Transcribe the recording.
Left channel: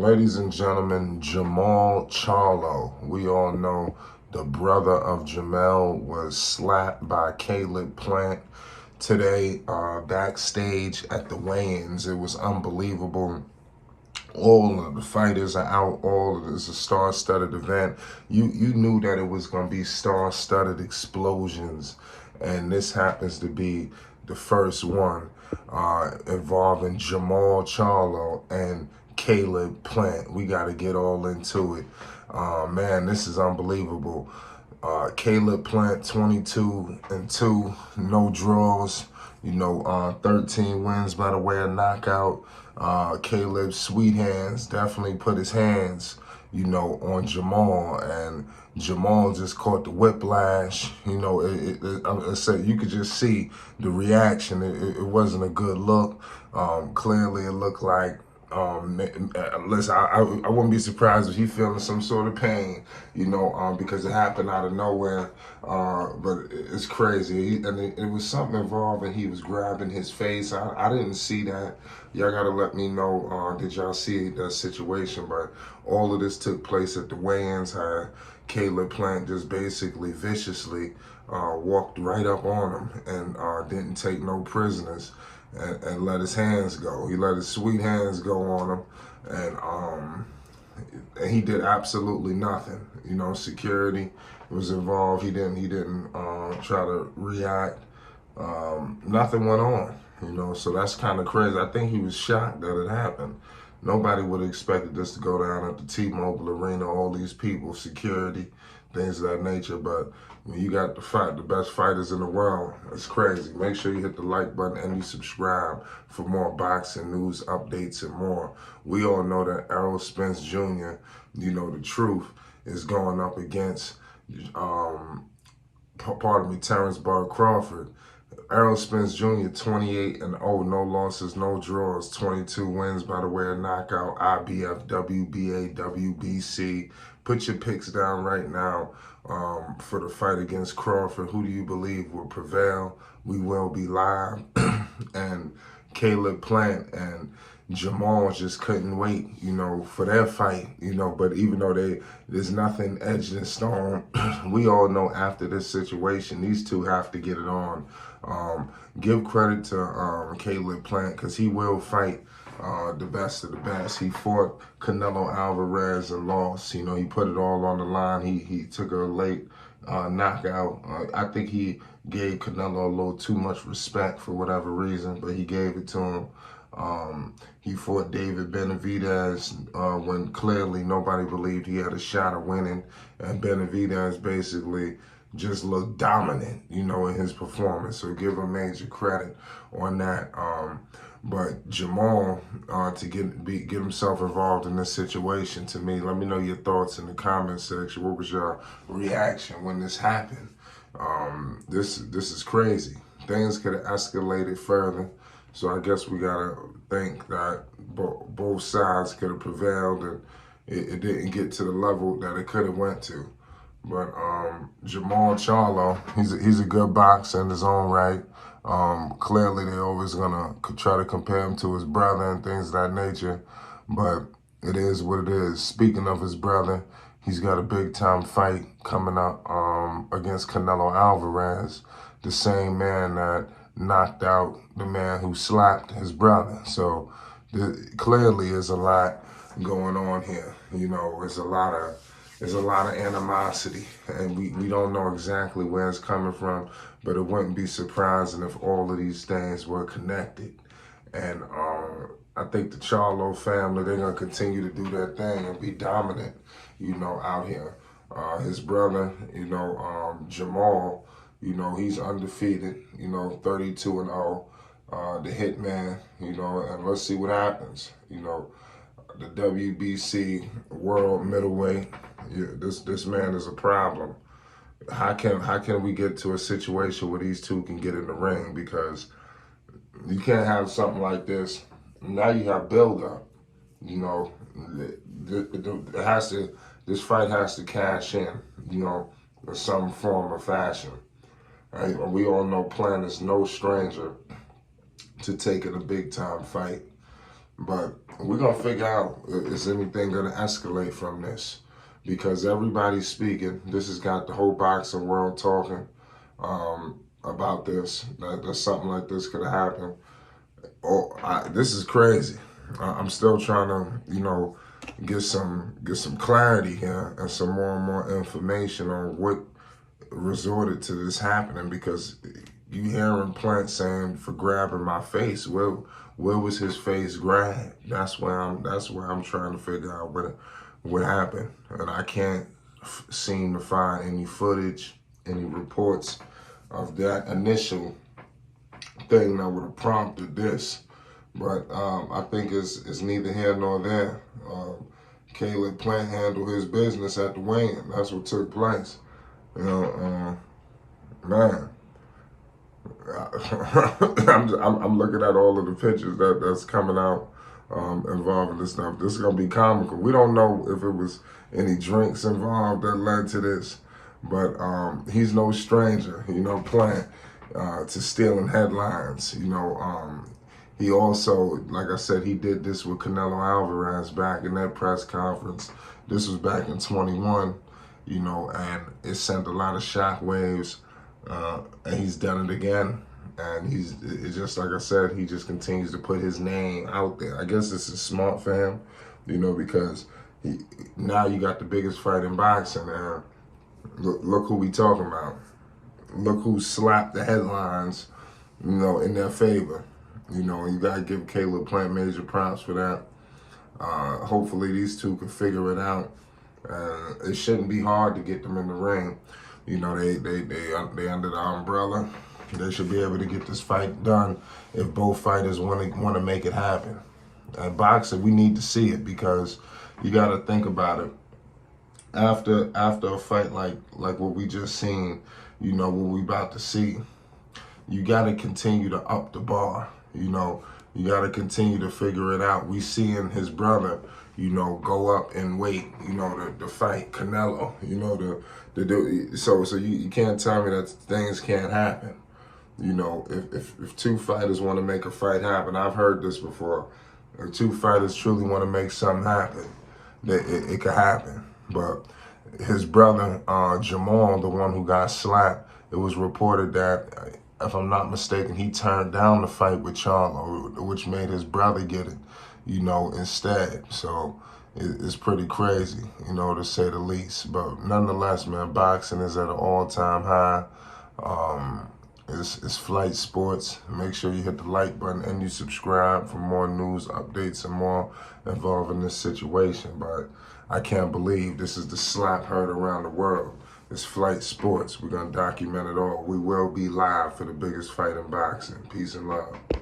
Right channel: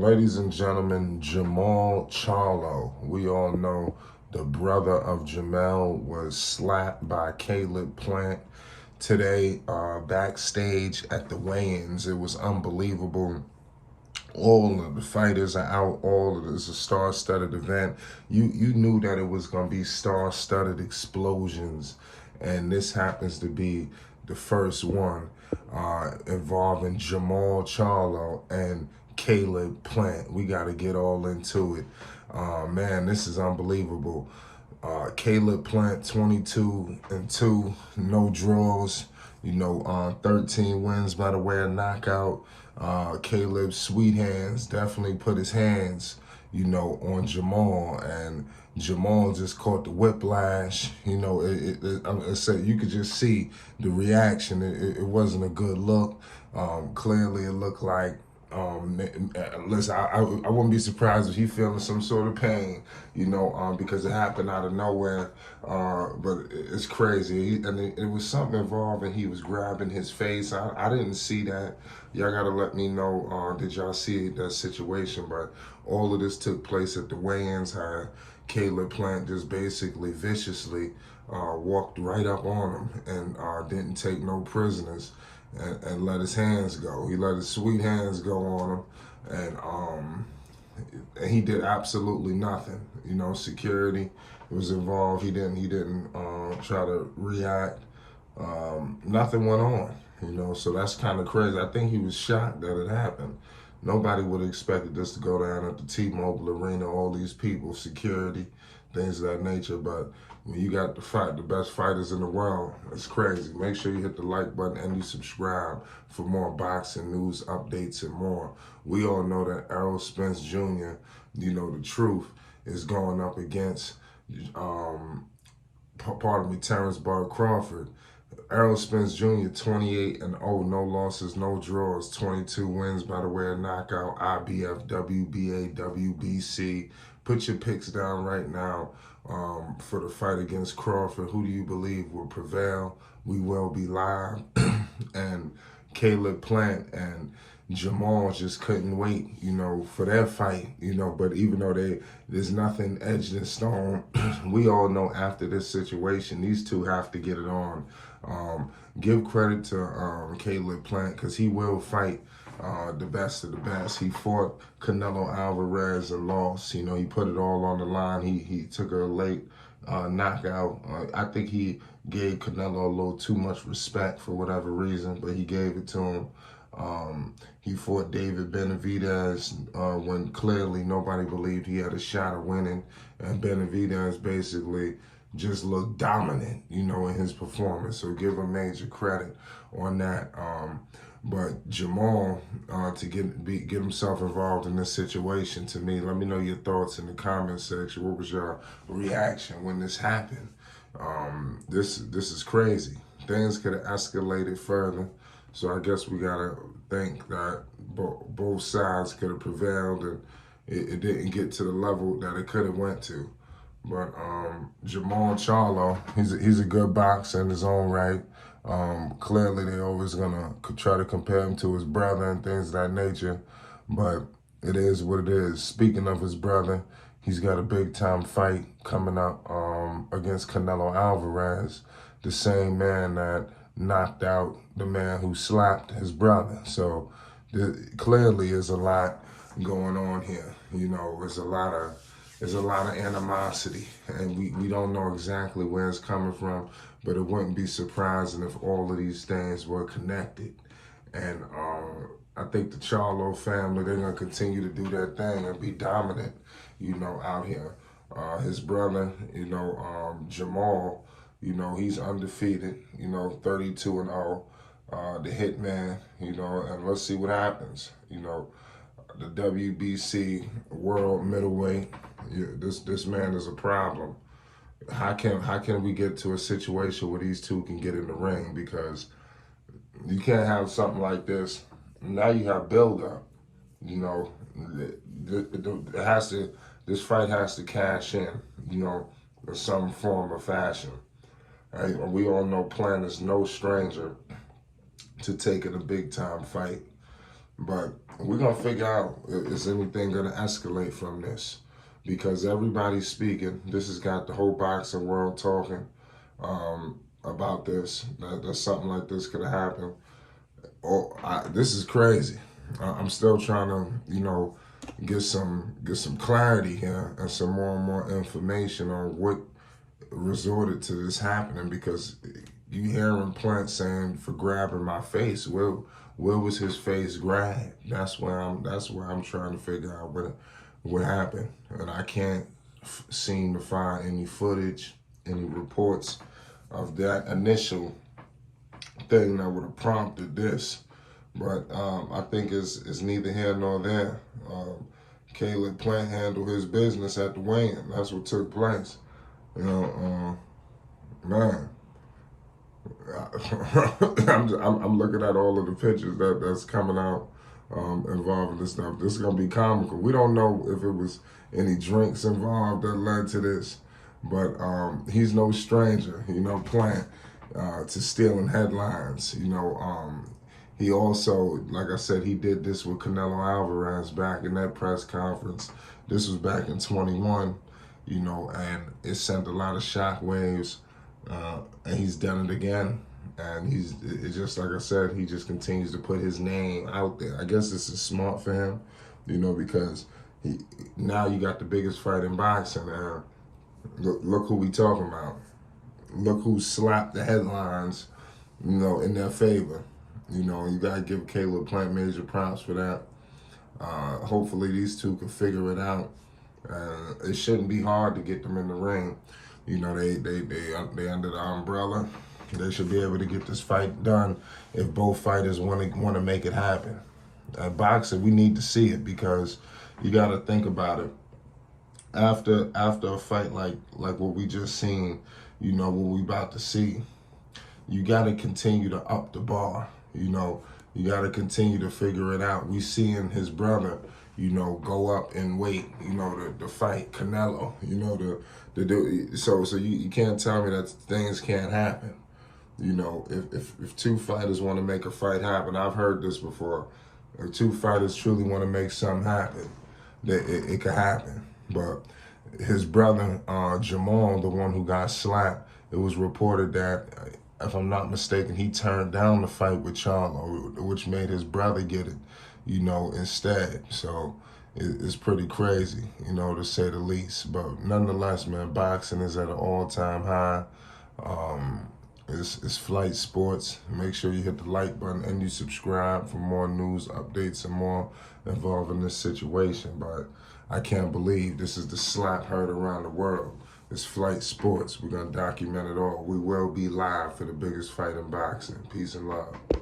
Ladies and gentlemen, Jermall Charlo. We all know the brother of Jermall was slapped by Caleb Plant today backstage at the weigh-ins. It was unbelievable. All of the fighters are out. It's a star-studded event. You knew that it was going to be star-studded explosions, and this happens to be the first one involving Jermall Charlo and Caleb Plant. We got to get all into it. Man, this is unbelievable. Caleb Plant, 22-2, no draws. 13 wins by the way of knockout. Caleb's sweet hands definitely put his hands, on Jermall, and Jermall just caught the whiplash. I said you could just see the reaction. It wasn't a good look. Clearly, it looked like. Listen, I wouldn't be surprised if he feeling some sort of pain, because it happened out of nowhere. But it's crazy. It was something involved, and he was grabbing his face. I didn't see that. Y'all gotta let me know. Did y'all see that situation? But all of this took place at the weigh-ins. How Caleb Plant just basically viciously walked right up on him and didn't take no prisoners. And let his hands go. He let his sweet hands go on him, and he did absolutely nothing. Security was involved. He didn't try to react. Nothing went on. So that's kind of crazy. I think he was shocked that it happened. Nobody would have expected this to go down at the T-Mobile Arena. All these people, security, things of that nature, but. When you got the best fighters in the world, it's crazy. Make sure you hit the like button and you subscribe for more boxing news, updates, and more. We all know that Spence Jr., the truth, is going up against, Terrence Crawford. Spence Jr., 28-0, no losses, no draws, 22 wins by the way of knockout, IBF, WBA, WBC. Put your picks down right now for the fight against Crawford. Who do you believe will prevail? We will be live. And Caleb Plant and Jermall just couldn't wait, for their fight, but even though there's nothing edged in stone, we all know after this situation, these two have to get it on. Give credit to Caleb Plant, because he will fight the best of the best. He fought Canelo Alvarez and lost. He put it all on the line. He took a late knockout. I think he gave Canelo a little too much respect for whatever reason, but he gave it to him. He fought David Benavidez when clearly nobody believed he had a shot of winning, and Benavidez basically just looked dominant, in his performance. So give him major credit on that. But Jermall, to get himself involved in this situation, to me, let me know your thoughts in the comment section. What was your reaction when this happened? This is crazy. Things could have escalated further. So I guess we gotta think that both sides could have prevailed, and it didn't get to the level that it could have went to. But Jermall Charlo, he's a good boxer in his own right. Clearly, they're always gonna try to compare him to his brother and things of that nature. But it is what it is. Speaking of his brother, he's got a big-time fight coming up against Canelo Alvarez, the same man that knocked out the man who slapped his brother. So clearly, there's a lot going on here. There's a lot of animosity, and we don't know exactly where it's coming from, but it wouldn't be surprising if all of these things were connected. And I think the Charlo family, they're going to continue to do their thing and be dominant, out here. His brother, Jermall, he's undefeated, 32-0, the hitman, and let's see what happens. The WBC world middleweight, this man is a problem. How can we get to a situation where these two can get in the ring? Because you can't have something like this. Now you have build up. This fight has to cash in, in some form or fashion. And we all know Plant is no stranger to taking a big time fight. But we're going to figure out, is anything going to escalate from this? Because everybody's speaking. This has got the whole boxing world talking about this, that something like this could have happened. This is crazy. I'm still trying to, get some clarity here and some more and more information on what resorted to this happening, because you hearing Plant saying for grabbing my face. Where was his face grabbed? That's where I'm trying to figure out what happened, and I can't seem to find any footage, any reports of that initial thing that would have prompted this. But I think it's neither here nor there. Caleb Plant handled his business at the weigh-in. That's what took place. Man, I'm looking at all of the pictures that's coming out involving this stuff. This is gonna be comical. We don't know if it was any drinks involved that led to this, but he's no stranger, Plant, to stealing headlines. He also, like I said, he did this with Canelo Alvarez back in that press conference. This was back in 21, and it sent a lot of shockwaves. And he's done it again. And it's just like I said, he just continues to put his name out there. I guess this is smart for him, because now you got the biggest fight in boxing. And look who we talking about. Look who slapped the headlines, in their favor. You got to give Caleb Plant major props for that. Hopefully these two can figure it out. It shouldn't be hard to get them in the ring. They under the umbrella. They should be able to get this fight done if both fighters want to make it happen. And boxing, we need to see it, because you got to think about it. After a fight like what we just seen, what we about to see, you got to continue to up the bar. You got to continue to figure it out. We seeing his brother, go up and wait, to fight Canelo, so you can't tell me that things can't happen. If two fighters want to make a fight happen, I've heard this before. If two fighters truly want to make something happen, it could happen. But his brother, Jermall, the one who got slapped, it was reported that, if I'm not mistaken, he turned down the fight with Charlo, which made his brother get it, instead. So it's pretty crazy, to say the least. But nonetheless, man, boxing is at an all-time high. It's flight sports. Make sure you hit the like button and you subscribe for more news, updates, and more involving this situation. But I can't believe this is the slap heard around the world. It's flight sports. We're going to document it all. We will be live for the biggest fight in boxing. Peace and love.